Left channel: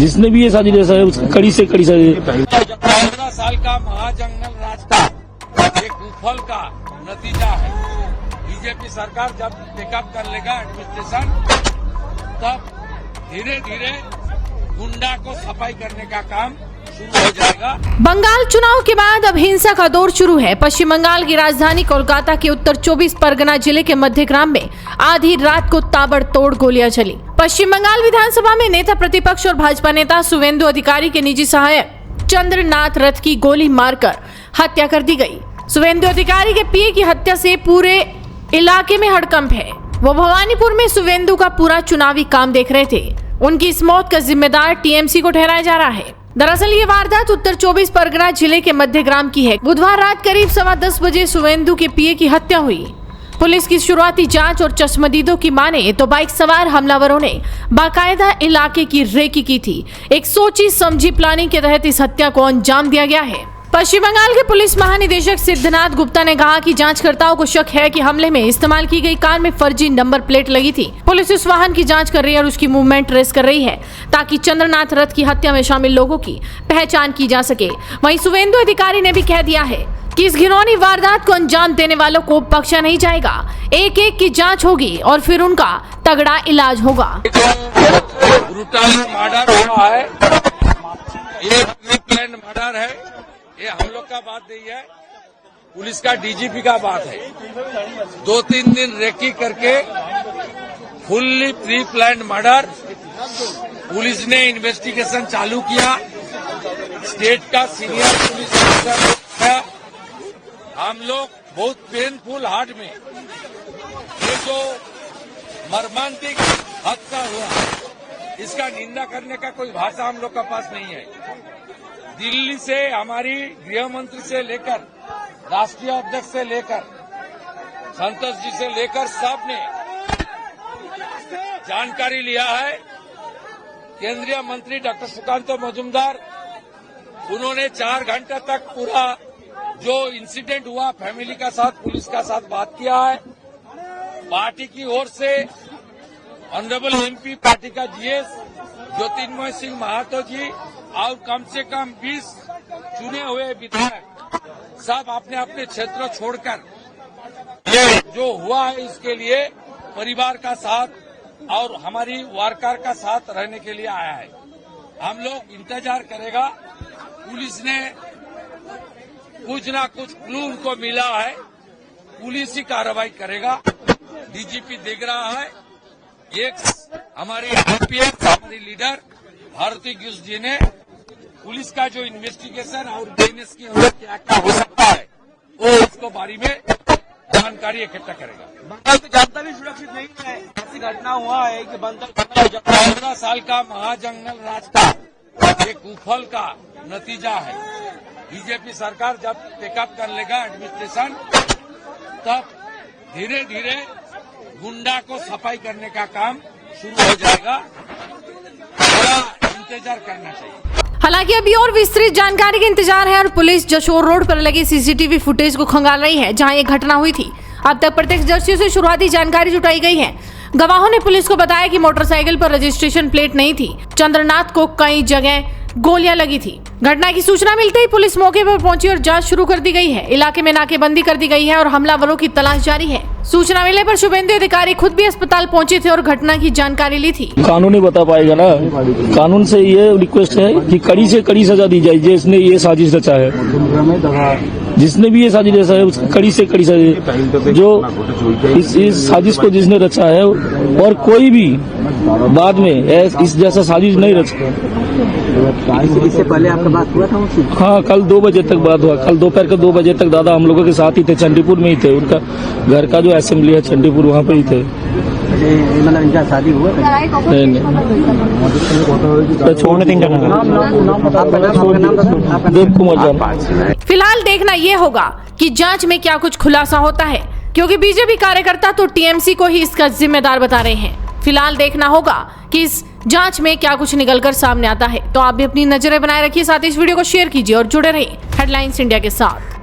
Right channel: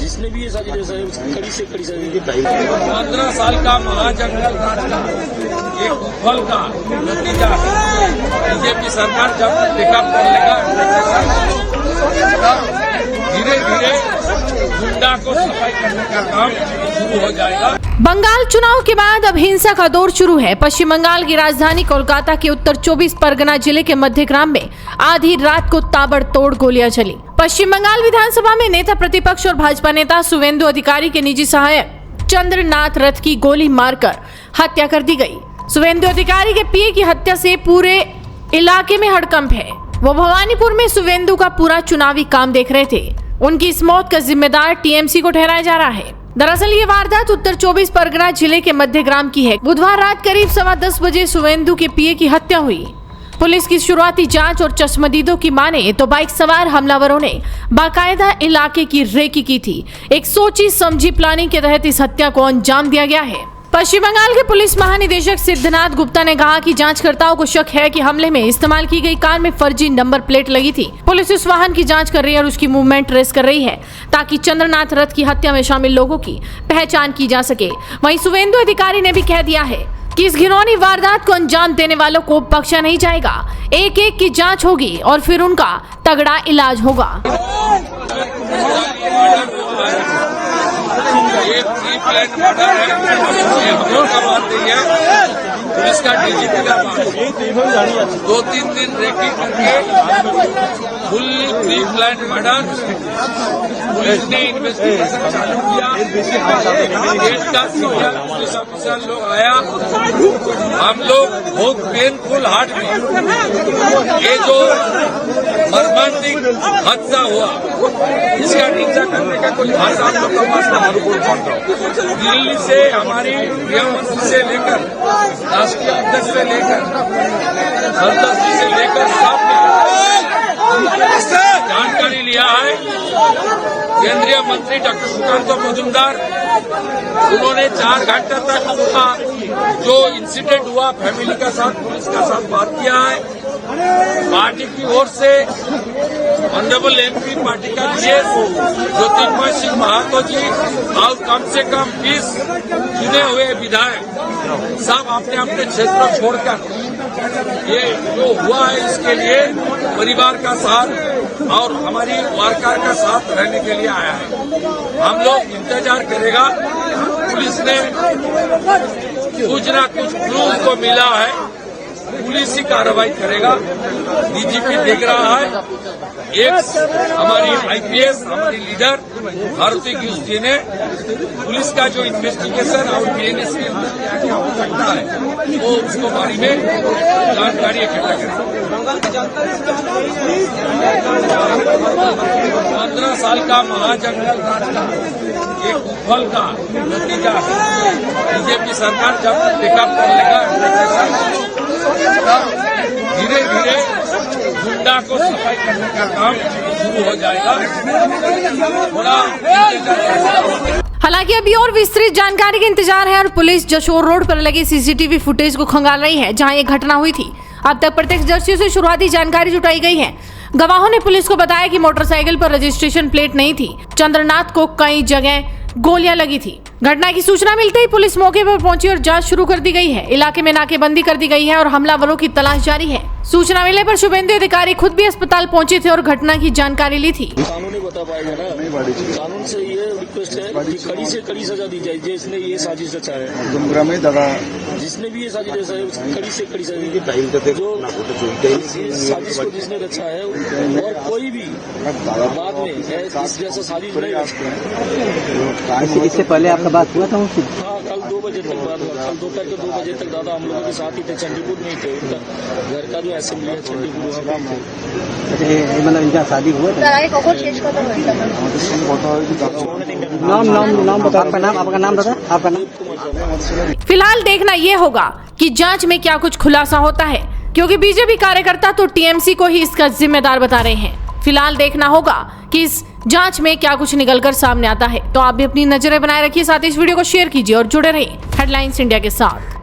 जिसने भी ये साजिश रचा है उसकी कड़ी से कड़ी सजा। 15 साल का महाजंगल एक फल का नतीजा है। बीजेपी सरकार जब टेकअप कर लेगा धीरे धीरे गुंडा को सफाई करने का काम शुरू हो जाएगा। बंगाल चुनाव के बाद अब हिंसा का दौर शुरू है। पश्चिम बंगाल की राजधानी कोलकाता के उत्तर 24 परगना जिले के मध्यग्राम में आधी रात को ताबड़तोड़ गोलियां चली। पश्चिम बंगाल विधानसभा में नेता प्रतिपक्ष और भाजपा नेता शुवेंदु अधिकारी के निजी सहायक चंद्रनाथ रथ की गोली मारकर हत्या कर दी गई। शुवेंदु अधिकारी के पीए की हत्या से पूरे इलाके में हड़कंप है। वो भवानीपुर में शुवेंदु का पूरा चुनावी काम देख रहे थे। उनकी इस मौत का जिम्मेदार टीएमसी को ठहराया जा रहा है। दरअसल ये वारदात उत्तर 24 परगना जिले के मध्यग्राम की है। बुधवार रात करीब 10:15 बजे शुवेंदु के पीए की हत्या हुई। पुलिस की शुरुआती जांच और चश्मदीदों की माने तो बाइक सवार हमलावरों ने बाकायदा इलाके की रेकी की थी। एक सोची समझी प्लानिंग के तहत इस हत्या को अंजाम दिया गया है। पश्चिम बंगाल के पुलिस महानिदेशक सिद्धनाथ गुप्ता ने कहा कि जांचकर्ताओं को शक है कि हमले में इस्तेमाल की गई कार में फर्जी नंबर प्लेट लगी थी। पुलिस उस वाहन की जांच कर रही है और उसकी मूवमेंट ट्रेस कर रही है ताकि चंद्रनाथ रथ की हत्या में शामिल लोगों की पहचान की जा सके। वहीं शुवेंदु अधिकारी ने भी कह दिया है कि इस घिनौनी वारदात को अंजाम देने वालों को बख्शा नहीं जाएगा। एक एक की जांच होगी और फिर उनका तगड़ा इलाज होगा। पुलिस का डीजीपी का बात 2-3 दिन रेकी करके fully pre plan murder. Police ने इन्वेस्टिगेशन चालू किया। स्टेट का सीनियर पुलिस अफसर जो आया, हम लोग बहुत पेनफुल हार्ट में ये जो मर्मांतिक हादसा हुआ इसका निंदा करने का कोई भाषा आप लोग का पास दिल्ली से हमारी गृहमंत्री से लेकर राष्ट्रीय अध्यक्ष से लेकर सदस्य से लेकर सबने जानकारी लिया है। केंद्रीय मंत्री डॉक्टर सुकांत मजूमदार उन्होंने 4 घंटे तक उसका जो इंसिडेंट हुआ फैमिली के साथ पुलिस के साथ बात किया है। पार्टी की ओर से ऑनरेबल एमपी पार्टी का विशेष ज्योतिर्मय सिंह महातो जी और कम से कम 20 चुने हुए विधायक सब अपने अपने क्षेत्र छोड़कर ये जो हुआ है इसके लिए परिवार का साथ और हमारी वर्कर का साथ रहने के लिए आया है। हम लोग इंतजार करेगा। पुलिस ने कुछ ना कुछ क्लू को मिला है, पुलिस ही कार्रवाई करेगा। डीजीपी देख रहा है। एक हमारी आईपीएस हमारी लीडर भारती गिल जी ने पुलिस का जो इन्वेस्टिगेशन और डीएनएसपी क्या हो सकता है वो उसको बारे में जानकारी इकट्ठा करेगा। 15 साल का महाजंगल एक फल का नतीजा है। बीजेपी सरकार जब टेकअप कर लेगा धीरे धीरे गुंडा को सफाई करने का काम शुरू हो जाएगा। हालांकि अभी और विस्तृत जानकारी का इंतजार है और पुलिस जशोर रोड पर लगे सीसीटीवी फुटेज को खंगाल रही है जहां ये घटना हुई थी। अब तक प्रत्यक्षदर्शियों से शुरुआती जानकारी जुटाई गई है। गवाहों ने पुलिस को बताया कि मोटरसाइकिल पर रजिस्ट्रेशन प्लेट नहीं थी। चंद्रनाथ को कई जगह गोलियां लगी थी। घटना की सूचना मिलते ही पुलिस मौके पर पहुंची और जांच शुरू कर दी गई है। इलाके में नाकेबंदी कर दी गई है और हमलावरों की तलाश जारी है। सूचना मिलने पर शुवेंदु अधिकारी खुद भी अस्पताल पहुंचे थे और घटना की जानकारी ली थी। कानून ही बता पाएगा ना। कानून से ये रिक्वेस्ट है कि कड़ी से कड़ी सजा दी जाए जिसने ये साजिश रचा है। जिसने भी ये साजिश रचा है उसकी कड़ी से कड़ी सजा। जो इस साजिश को जिसने रचा है और कोई भी बाद में इस जैसा साजिश नहीं रचा। इससे पहले आपका बात हुआ था? हाँ, कल 2 बजे तक बात हुआ। कल दोपहर के 2 बजे तक दादा हम लोगों के साथ ही थे, चंडीपुर में ही थे। उनका घर का जो असेंबली है चंडीपुर वहाँ पे ही थे। देव कुमार जान। फिलहाल देखना ये होगा कि जांच में क्या कुछ खुलासा होता है, क्योंकि बीजेपी कार्यकर्ता तो टीएमसी को ही इसका जिम्मेदार बता रहे हैं। फिलहाल देखना होगा कि इस जांच में क्या कुछ निकलकर सामने आता है। तो आप भी अपनी नजरें बनाए रखिए, साथ ही इस वीडियो को शेयर कीजिए और जुड़े रहिए हेडलाइंस इंडिया के साथ।